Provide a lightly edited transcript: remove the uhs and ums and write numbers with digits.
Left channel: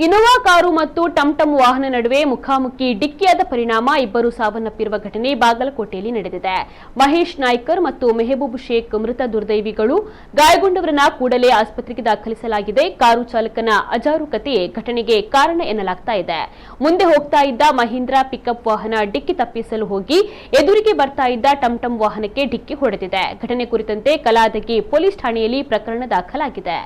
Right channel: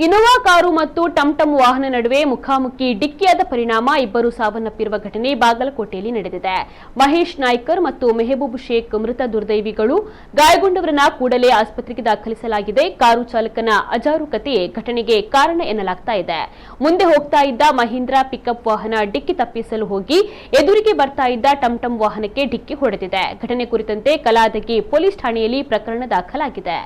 Innova car ಮತ್ತು ಟಂಟಂ ವಾಹನ ನಡುವೆ ಮುಖಾಮುಖಿ ಡಿಕ್ಕಿಯಾದ ಪರಿಣಾಮ ಇಬ್ಬರು ಸಾವನ್ನಪ್ಪಿರುವ ಘಟನೆ ಬಾಗಲಕೋಟೆಯಲ್ಲಿ ನಡೆದಿದೆ. ಮಹೇಶ್ ನಾಯ್ಕರ್ ಮತ್ತು ಮೆಹಬೂಬ್ ಶೇಖ್ ಮೃತ ದುರ್ದೈವಿಗಳು. ಗಾಯಗೊಂಡವರನ್ನ ಕೂಡಲೇ ಆಸ್ಪತ್ರೆಗೆ ದಾಖಲಿಸಲಾಗಿದೆ. ಕಾರು ಚಾಲಕನ ಅಜಾರೂಕತೆಯೇ ಘಟನೆಗೆ ಕಾರಣ ಎನ್ನಲಾಗ್ತಾ ಇದೆ. ಮುಂದೆ ಹೋಗ್ತಾ ಇದ್ದ ಮಹೀಂದ್ರಾ ಪಿಕಪ್ ವಾಹನ ಡಿಕ್ಕಿ ತಪ್ಪಿಸಲು ಹೋಗಿ ಎದುರಿಗೆ ಬರ್ತಾ ಇದ್ದ ಟಂಟಂ ವಾಹನಕ್ಕೆ ಡಿಕ್ಕಿ ಹೊಡೆದಿದೆ. ಘಟನೆ ಕುರಿತಂತೆ ಕಲಾದಗಿ ಪೊಲೀಸ್ ಠಾಣೆಯಲ್ಲಿ ಪ್ರಕರಣ ದಾಖಲಾಗಿದೆ.